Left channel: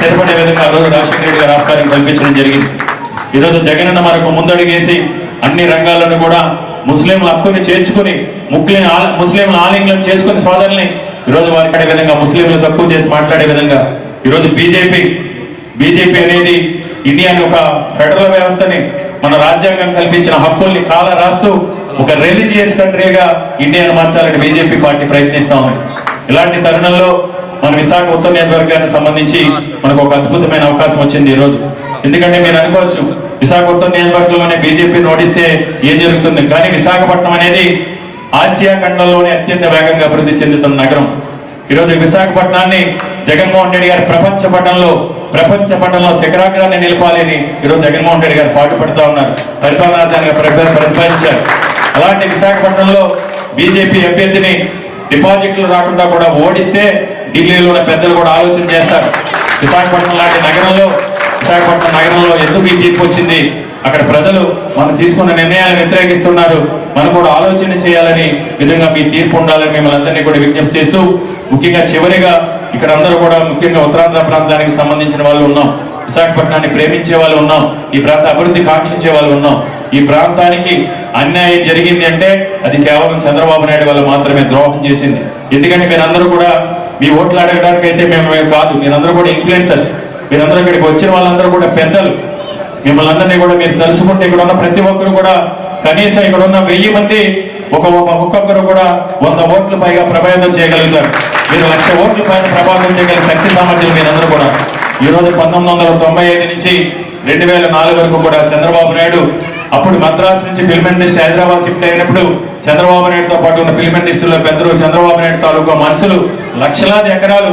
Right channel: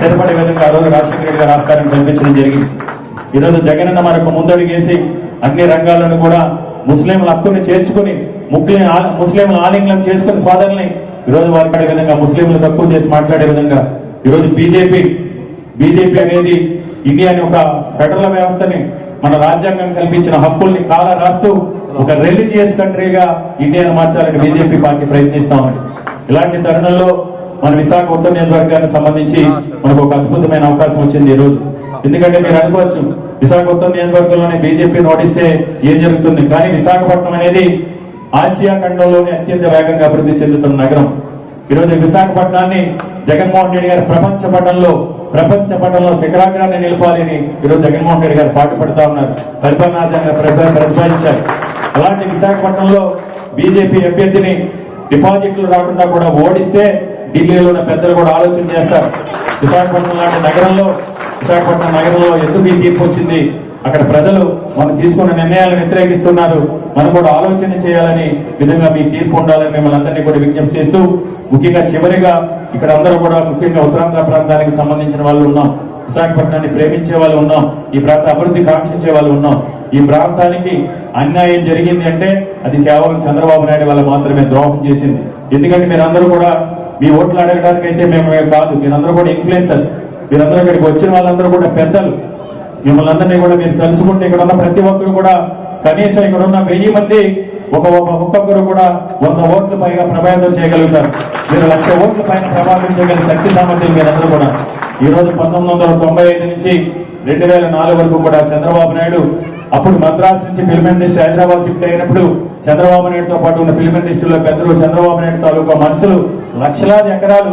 సరిపడే విధంగా ఆ రోజు రాజశేఖర రెడ్డి గారు ఆస్కారం కల్పించడం జరిగింది. ఈరోజు జగనన్న మరొక ముందడుగేసి అన్ని రంగాలను కూడా ముస్లింల హక్కుని చేర్చుకుని ముస్లిం ముస్లింల ఆలింగనం చేసుకుని సోదరుల్ని ఈరోజు వారి విధంగా ముస్లింలు తక్కువ చేసి మాట్లాడే విధంగా ఈరోజు బీజేపీ బీజేపీ అనేది ఇండియాని ఒక ఫెడరల్ వ్యవస్థని మన రాజ్యాంగం కల్పించిన హక్కుల్ని కాల రాస్తూ ఒక రిలీజియస్ కంట్రీగా ఇండియాను మార్చాలని బీజేపీ పార్టీ ప్రయత్నిస్తా ఉంది. ఇలాంటి తరుణంలో మన విశాఖ ఉత్తర నియోజకవర్గానికి సంబంధించి మనకు ఒక అద్భుతమైన అవకాశం వచ్చింది ఈ రోజు ఎందుకంటే మీరు అనుకోవచ్చు విశాఖ ఉత్తర నియోజకవర్గంలోనే బీజేపీ నోటిస్తే ఏం జరుగుతుంది? కానీ విశాఖపట్నం అనేది ఆసియా ఖండంలోనే అత్యంత వేగంగా అభివృద్ధి చెందుతున్న నగరం. ఈరోజు విశాఖపట్నాన్ని జగన్మోహన్ రెడ్డి గారి ప్రపంచ పటంలో ప్రపంచ పటంలో శిఖరాగ్రాన్ని నిలపాలి అని ఈరోజు జగన్మోహన్ రెడ్డి గారు పాటుపడుతూ ఉన్నారు. పరిపాలనార్థంగా ప్రతిపాదించారు అలాంటి విశాఖపట్నంలో బీజేపీ అభ్యర్థిని డిపాజిట్లు రాకుండా కూడా ఓడిస్తే ఢిల్లీలో ఉన్న పెద్దలు కూడా ఆలోచన చేస్తారు. విశాఖపట్నం లాంటి నగరంలో విశాఖపట్నం నగరంలో ఎందుకు ఈ తీర్పు వచ్చింది? అక్కడ ప్రజలు మనం తీసుకున్న నిర్ణయాలను వ్యతిరేకిస్తున్నారు. మనం కూడా ఆలోచన చేయాలని విధంగా మీ తీర్పు ఉండాలని మిమ్మల్ని అందరినీ కూడా విజ్ఞప్తి చేస్తూ ముఖ్యంగా చివరిగా ఇక్కడ అందరూ కూడా ముఖ్యంగా ఉత్తరాంధ్ర ప్రాంతానికి సంబంధించిన వాళ్ళు ఉన్నాం. విశాఖపట్నాన్ని ప్రేమించే వాళ్ళు ఉన్నాం. ఈ ప్రాంత అభివృద్ధి కాంక్షించే వాళ్ళు ఉన్నాం. ఈ ప్రాంతానికి అన్యాయం జరిగింది అంటే అది కేవలం చంద్రబాబు నాయుడు వాళ్ళు మాత్రమే ద్రోహం చేసింది. ఎందుకంటే మీరందరూ కూడా మీ ఓట్లు అడగడానికి అయితే మేము కాదు. మీరందరూ కూడా ఇన్ఫ్లుయెన్సర్స్ మీరందరూ ఇక్కడికి వచ్చిన వాళ్ళందరూ కూడా పెద్దలు. మిమ్మల్ని అందరినీ కూడా మీరు తెలుసుకుంటే ఇక్కడ ఉన్న ప్రతి ఒక్కరు కూడా కనీసం ఇక్కడ ఉన్న వెయ్యి మంది ఒక ఒక్కొక్కరు కూడా వంద ఓట్ల పైగా ప్రభావితం చేయగలుగుతారు. మీరు లక్ష ఓట్ల పైన ప్రభావితం చేయగల శక్తి సామర్థ్యం మీరందరూ కూడా. ఈ రోజు పంతొమ్మిది వందల తొంభై ఐదు నుంచి రెండు వేల నాలుగు వరకు కూడా చంద్రబాబు నాయుడు అప్పుడు మద్రాసు నుంచి ఫిల్మ్ ఇండస్ట్రీ హైదరాబాద్ షిఫ్ట్ అయినప్పుడు చంద్రబాబు నాయుడుతో పాటు ఉన్న ఫిల్మ్ ఇండస్ట్రీలో పెద్దలు చంద్రబాబు నాయుడు తాలూకా మనుషులు లక్షలాది ఎకరాలు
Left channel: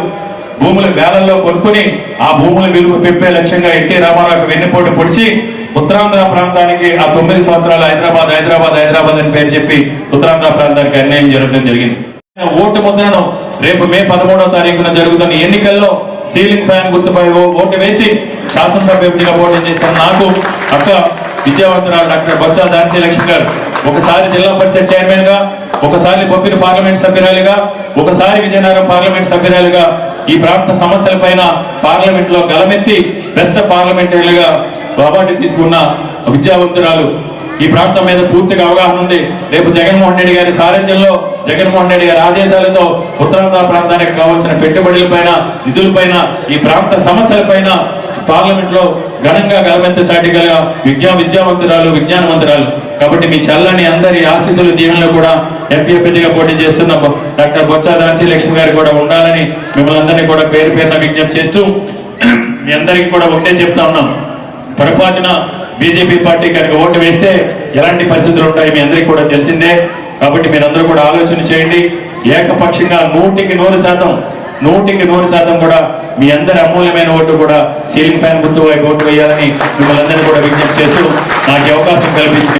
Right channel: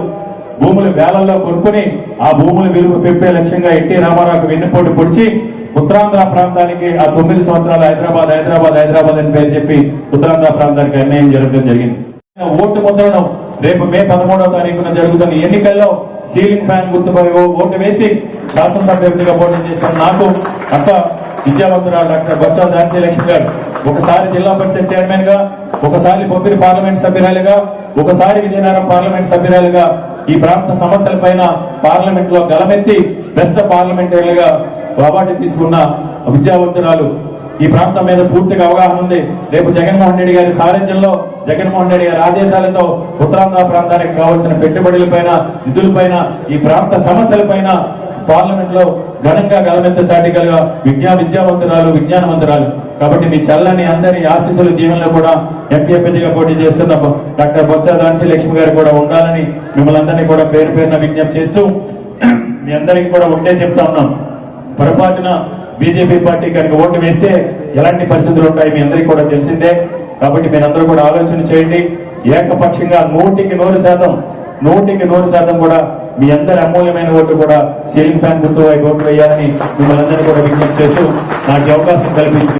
భూములు వేలల్లో కొనుక్కుని ఆ భూముల విలువ పెంపే లక్ష్యంగా ఎన్టీ రామారావుకు వెన్నుపోటు పొడిచి ఉత్తరాంధ్ర ప్రాంతానికి ఆ తొమ్మిది సంవత్సరాలు హైదరాబాద్ హైదరాబాద్ హైదరాబాద్ అని పేరు చెప్పి ఉత్తరాంధ్ర ప్రాంతానికి అన్యాయం జరగడం జరిగింది. ఓటు ముద్రను రేపు మే పదమూడవ తారీఖున జరుగుతున్న ఎన్నికల్లో సీలింగ్ ఫ్యాన్ గుర్తుపై ఓ- ఓటు వేసి శాసనసభ్యుడిగా పోటీ చేస్తున్న నాకు అక్క విద్యావంతురాలు డాక్టర్ బొత్సాల ఝాన్సీ లక్ష్మి గారు. ఒకసారి జిల్లా పరిషత్ చైర్మన్గా ఒకసారి బొబ్బిరి పార్లమెంట్ సభ్యురాలుగా ఒకసారి విజయనగరం పార్లమెంట్ సభ్యురాలుగా ఈ ప్రాంత సమస్యల పైన పార్లమెంట్లో గలమెత్తి బెస్ట్ పార్లమెంటరీలుగా అవార్డు తీసుకున్న విద్యావంతురాలు ఈ ప్రాంతం మీద పూర్తిగా అవగాహన ఉంది. రేపు జగన్మోహన్ రెడ్డి గారి సారథ్యంలో జగన్మోహన్ రెడ్డి గారి ఆదేశాలతో ఉత్తరాంధ్ర ప్రాంతానికి కావాల్సిన పెట్టుబడులపైన నిధులపైన ఈ ప్రాంత సమస్యలపైన పార్లమెంట్లో ఘనంగా గలమెంత చాటిగల విజ్ఞా విద్యావంతురాలు విజ్ఞానవంతురాలు కాబట్టి మీ చల్లని అందరి ఆశీస్సులు దీనిలో కూడా ఎంపీ అభ్యర్థిగా పోటీ చేస్తున్న. డాక్టర్ బొత్స ఝాన్సీ లక్ష్మి గారు కూడా ఉండాలని మిమ్మల్ని అందరినీ కూడా పేరు పేరున విజ్ఞప్తి చేస్తూ మీ అందరికీ కూడా ఒకటే చెప్తా ఉన్నాం. పొరపాటున బీజేపీ పార్టీ కనుక ఓటు వేస్తే ఎలాంటి పరిస్థితులు ఉంటాయి మీ అందరికీ కూడా తెలిసిందే. కాబట్టి మీరందరూ కూడా ఆలోచన చేయండి. ఏకపక్షంగా నూటికి నూరు శాతం నూటికి నూరు శాతం కూడా మీ అందరి అమూల్యమైన ఓటు కూడా సీలింగ్ ఫ్యాన్ గుర్తు వైపు ఓటు వేయాలని మిమ్మల్ని అందరినీ కూడా విజ్ఞప్తి చేస్తూ నాకు అవకాశం కల్పించింది